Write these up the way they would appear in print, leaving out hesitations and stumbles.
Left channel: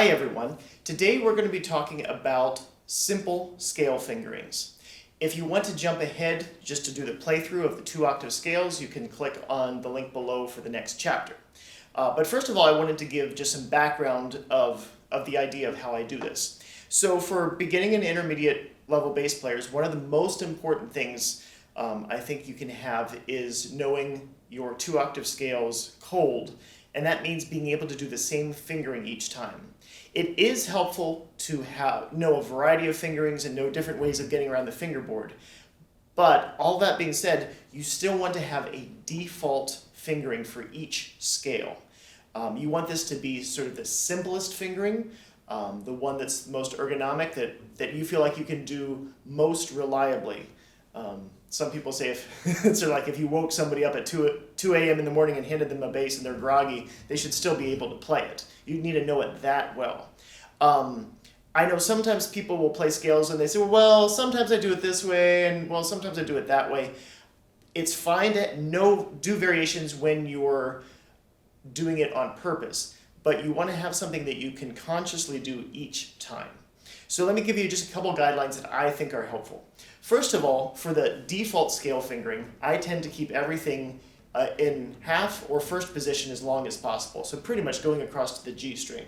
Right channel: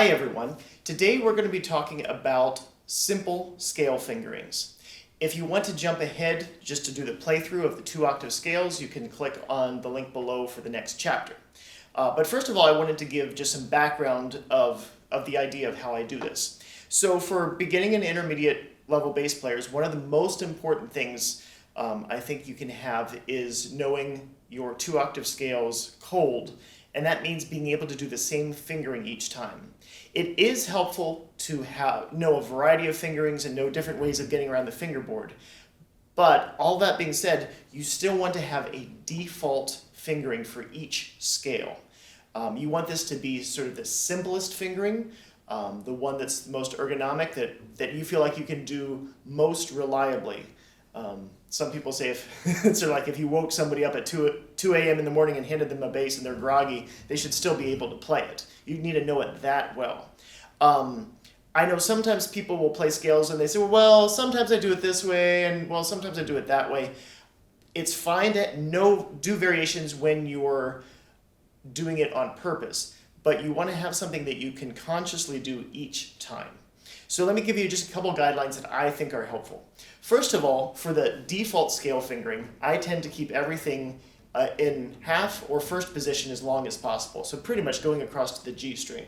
Hi everyone. Today we're going to be talking about simple scale fingerings. If you want to jump ahead just to do the playthrough of the two-octave scales, you can click on the link below for the next chapter. But first of all, I wanted to give just some background of the idea of how I do this. So for beginning and intermediate level bass players, one of the most important things I think you can have is knowing your two-octave scales cold, and that means being able to do the same fingering each time. It is helpful to know a variety of fingerings and know different ways of getting around the fingerboard. But all that being said, you still want to have a default fingering for each scale. You want this to be sort of the simplest fingering, the one that's most ergonomic, that you feel like you can do most reliably. Some people say it's sort of like if you woke somebody up at 2 a.m. in the morning and handed them a bass and they're groggy, they should still be able to play it. You need to know it that well. I know sometimes people will play scales and they say, well, sometimes I do it this way, and well, sometimes I do it that way. It's fine to do variations when you're doing it on purpose, but you want to have something that you can consciously do each time. So let me give you just a couple guidelines that I think are helpful. First of all, for the default scale fingering, I tend to keep everything in half or first position as long as possible. So pretty much going across to the G string.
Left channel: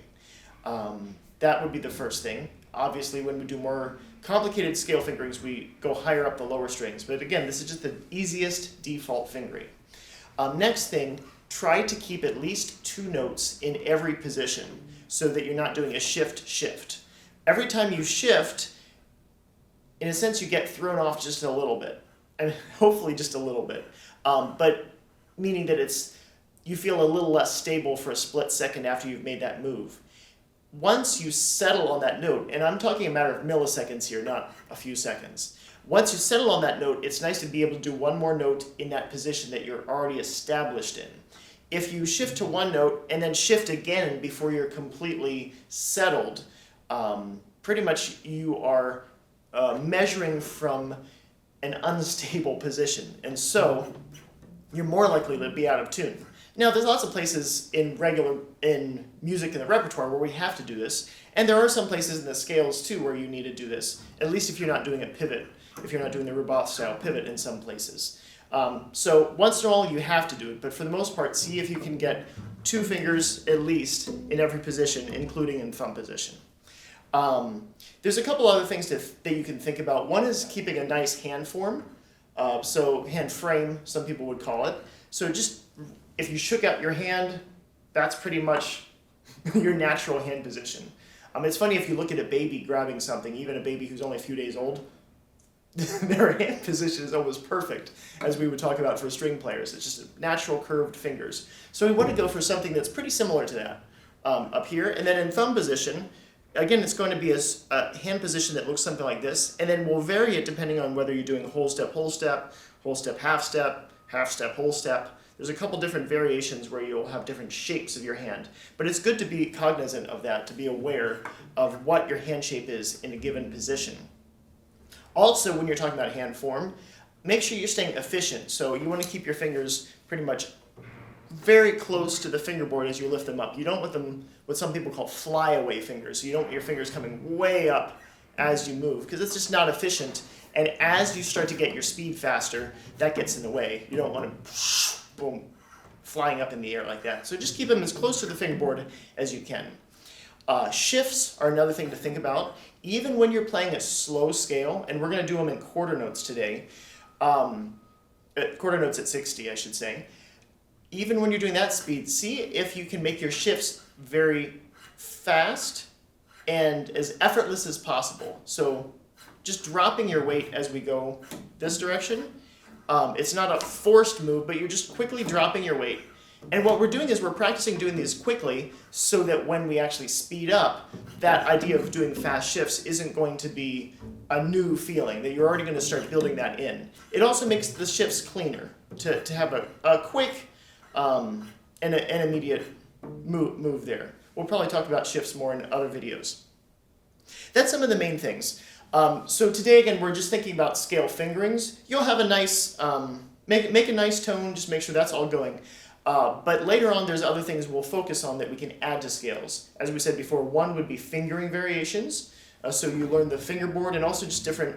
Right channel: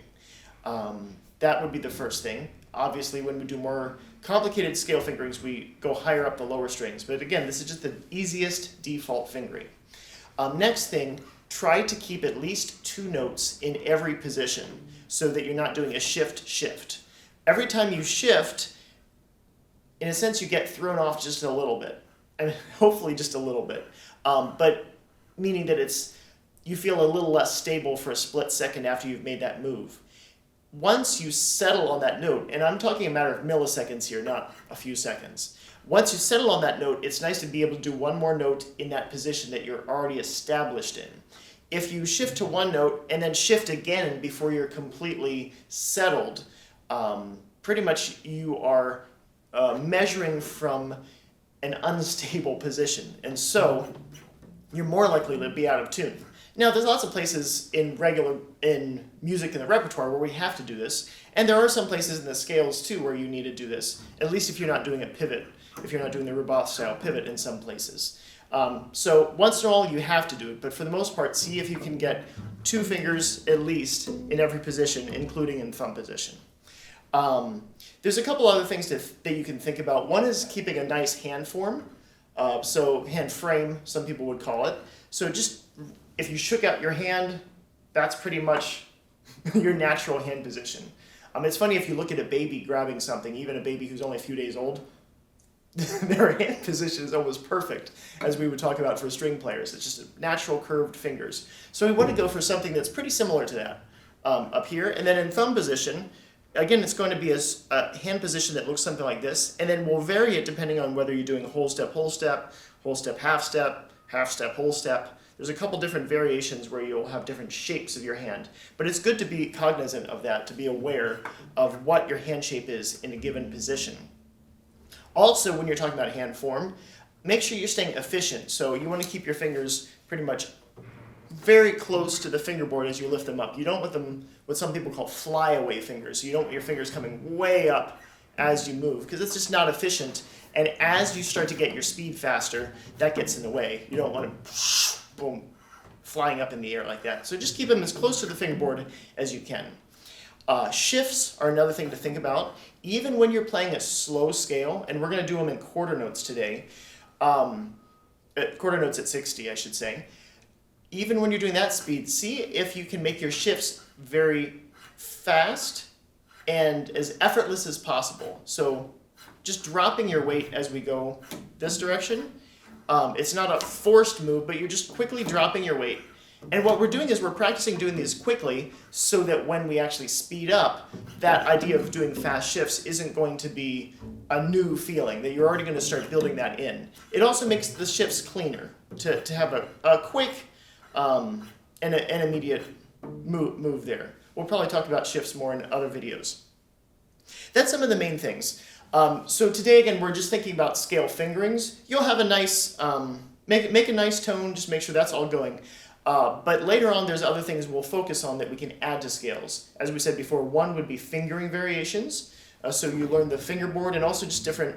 That would be the first thing. Obviously, when we do more complicated scale fingerings, we go higher up the lower strings. But again, this is just the easiest default fingering. Next thing, try to keep at least 2 notes in every position so that you're not doing a shift-shift. Every time you shift, in a sense, you get thrown off just a little bit, and hopefully just a little bit, but meaning that you feel a little less stable for a split second after you've made that move. Once you settle on that note, and I'm talking a matter of milliseconds here, not a few seconds. Once you settle on that note, it's nice to be able to do one more note in that position that you're already established in. If you shift to one note and then shift again before you're completely settled, pretty much you are measuring from an unstable position, and so you're more likely to be out of tune. Now, there's lots of places in music in the repertoire where we have to do this, and there are some places in the scales too where you need to do this, at least if you're not doing a pivot, if you're not doing the Roboth style pivot in some places. So once in a while you have to do it, but for the most part, see if you can get 2 fingers at least in every position, including in thumb position. There's a couple other things that you can think about. One is keeping a nice hand form, so hand frame, some people would call it. So just if you shook out your hand, that's pretty much your natural hand position. It's funny if you look at a baby grabbing something, even a baby who's only a few days old, their hand position is almost perfect, as we would talk about for string players. It's just natural curved fingers. So we want to go for something that's pretty similar to that up here. And then in thumb position, again, it's going to be a hand position that looks something like this, and then we'll vary it depending on whether you're doing whole step, half step, whole step. There's a couple different variations where you'll have different shapes of your hand, but it's good to be cognizant of that, to be aware of what your hand shape is in a given position. Also, when you're talking about hand form, make sure you're staying efficient. So you want to keep your fingers pretty much very close to the fingerboard as you lift them up. You don't want them, what some people call flyaway fingers. So you don't want your fingers coming way up as you move, because it's just not efficient. And as you start to get your speed faster, that gets in the way. You don't want to, boom, flying up in the air like that. So just keep them as close to the fingerboard as you can. Shifts are another thing to think about. Even when you're playing a slow scale, and we're going to do them in quarter notes today, quarter notes at 60, I should say. Even when you're doing that speed, see if you can make your shifts very fast and as effortless as possible. So just dropping your weight as we go this direction. It's not a forced move, but you're just quickly dropping your weight. And what we're doing is we're practicing doing these quickly so that when we actually speed up, that idea of doing fast shifts isn't going to be a new feeling, that you're already going to start building that in. It also makes the shifts cleaner to have a quick and an immediate move there. We'll probably talk about shifts more in other videos. That's some of the main things. So today, again, we're just thinking about scale fingerings. You'll have a nice, make a nice tone, just make sure that's all going. But later on, there's other things we'll focus on that we can add to scales. As we said before, one would be fingering variations. So you learn the fingerboard and also just different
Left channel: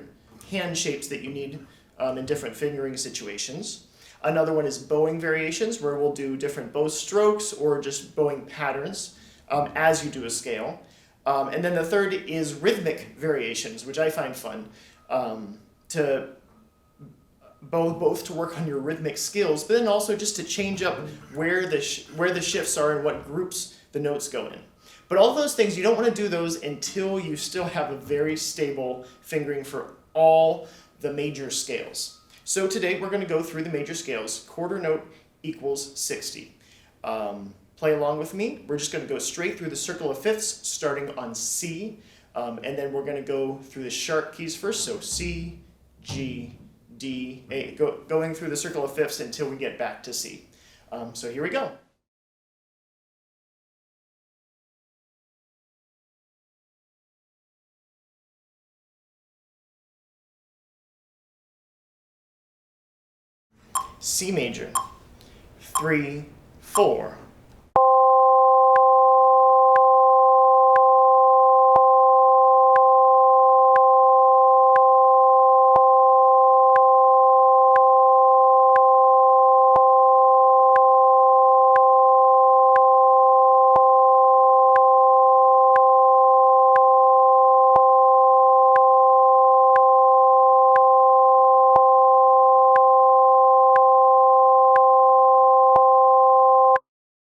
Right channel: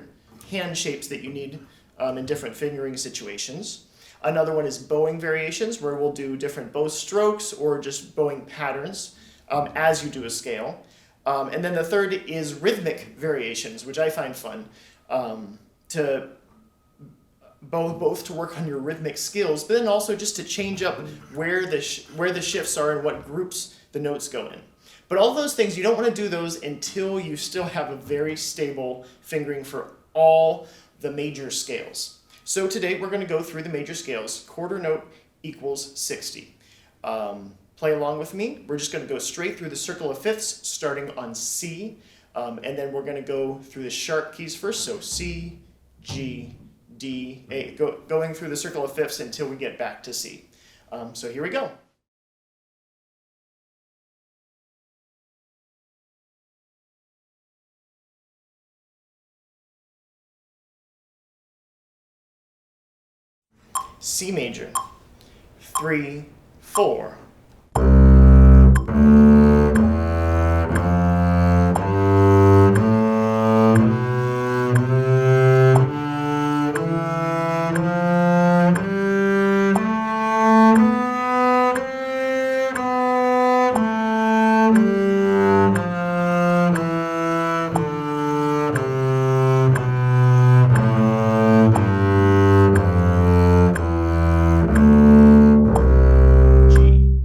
hand shapes that you need in different fingering situations. Another one is bowing variations, where we'll do different bow strokes or just bowing patterns as you do a scale. And then the third is rhythmic variations, which I find fun, to both to work on your rhythmic skills, but then also just to change up where the shifts are and what groups the notes go in. But all those things, you don't want to do those until you still have a very stable fingering for all the major scales. So today we're going to go through the major scales. Quarter note equals 60. Play along with me. We're just going to go straight through the circle of fifths, starting on C, and then we're going to go through the sharp keys first. So C, G, D, A, going through the circle of fifths until we get back to C. So here we go. C major, 3, 4. G.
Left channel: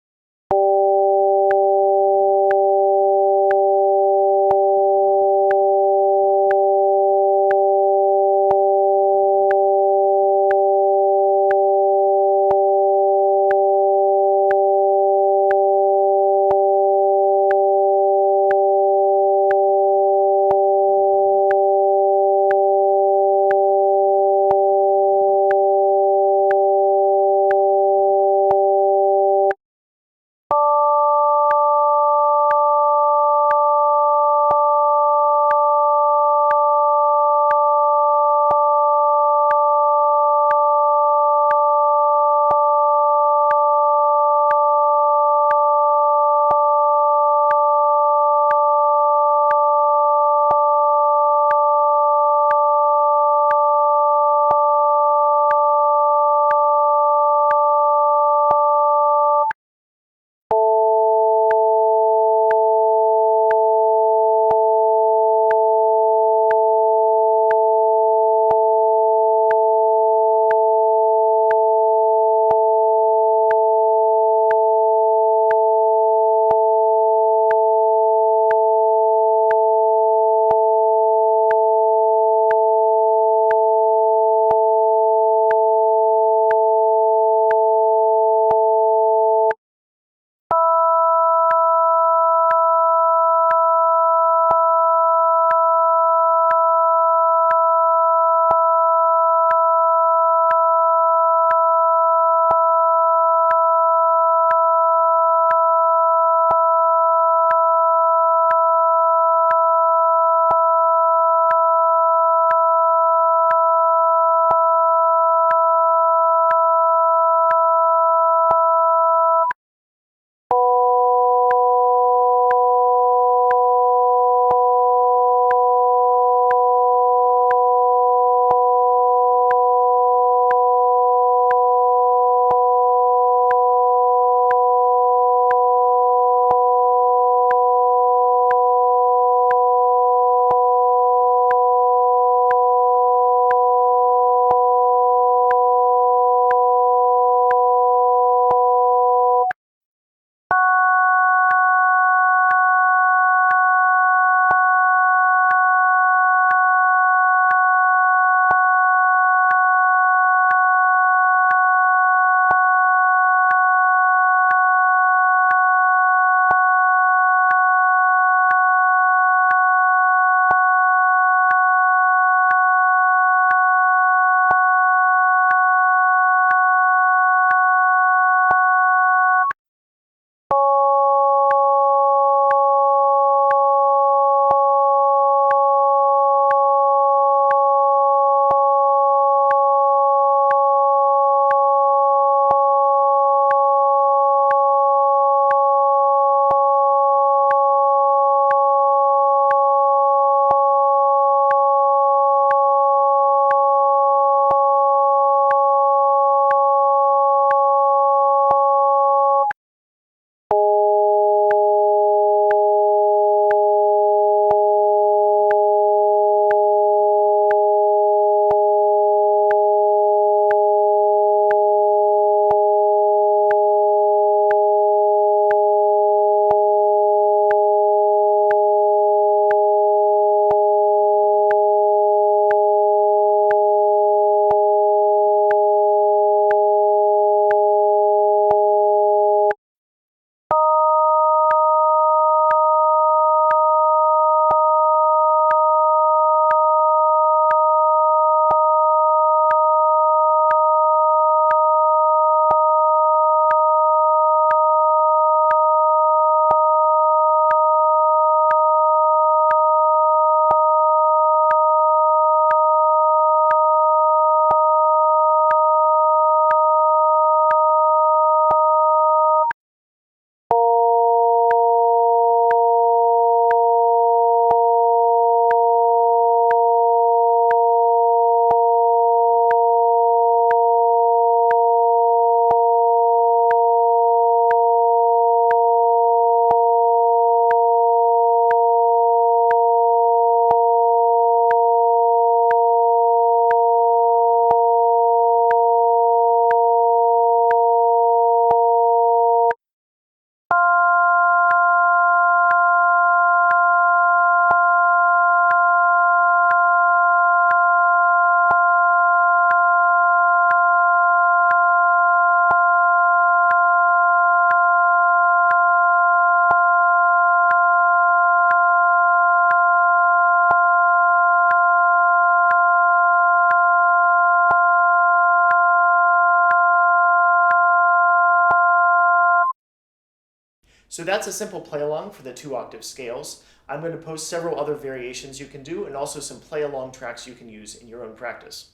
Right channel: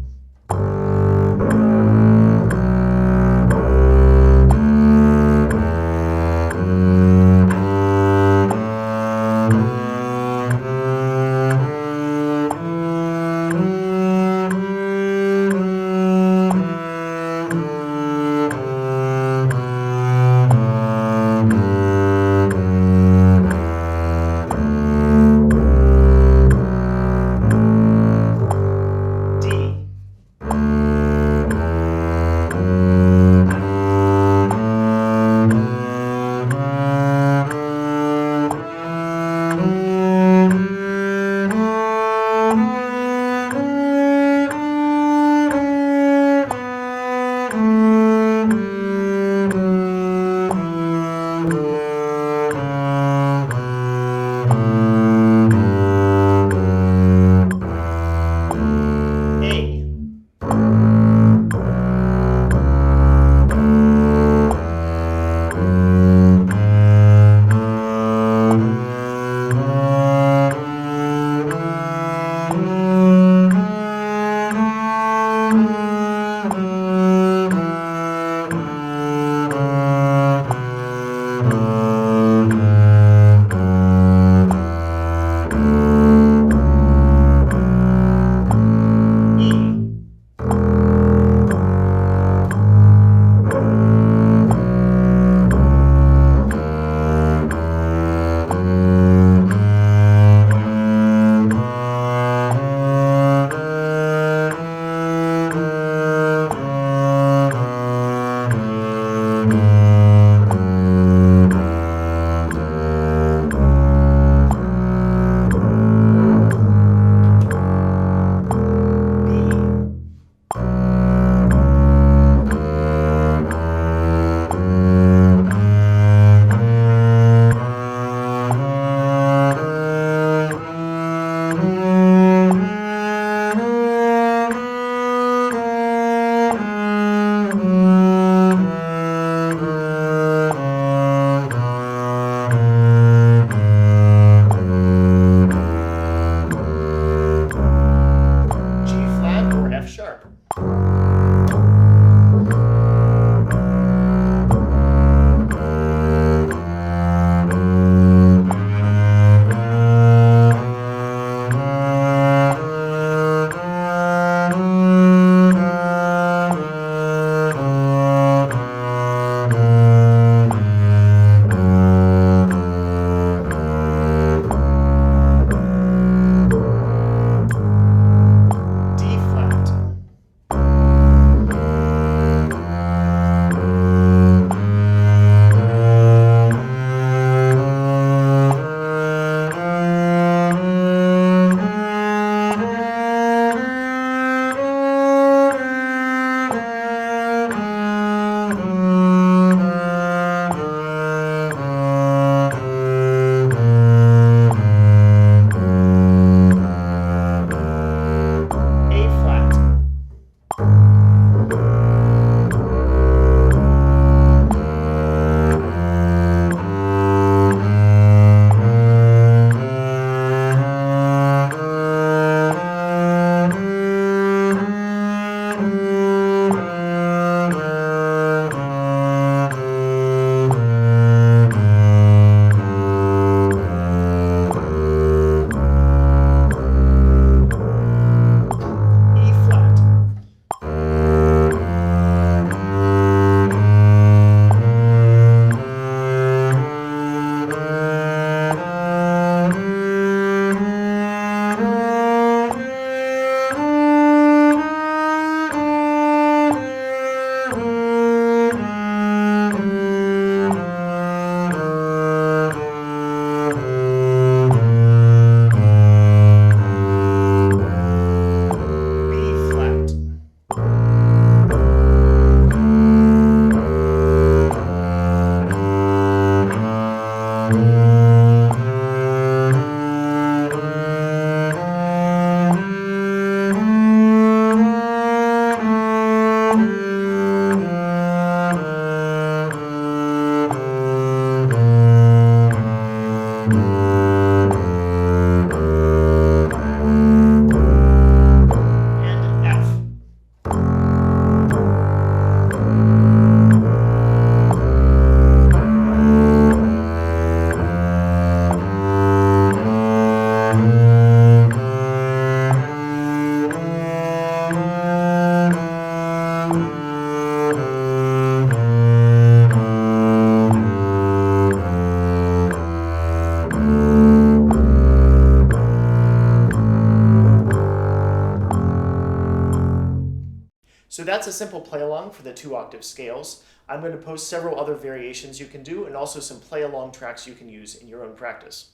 So that's a simple play along for the 2-octave scales. I'm going to post several other variations you can do and also some play along tracks you can use in your own practice.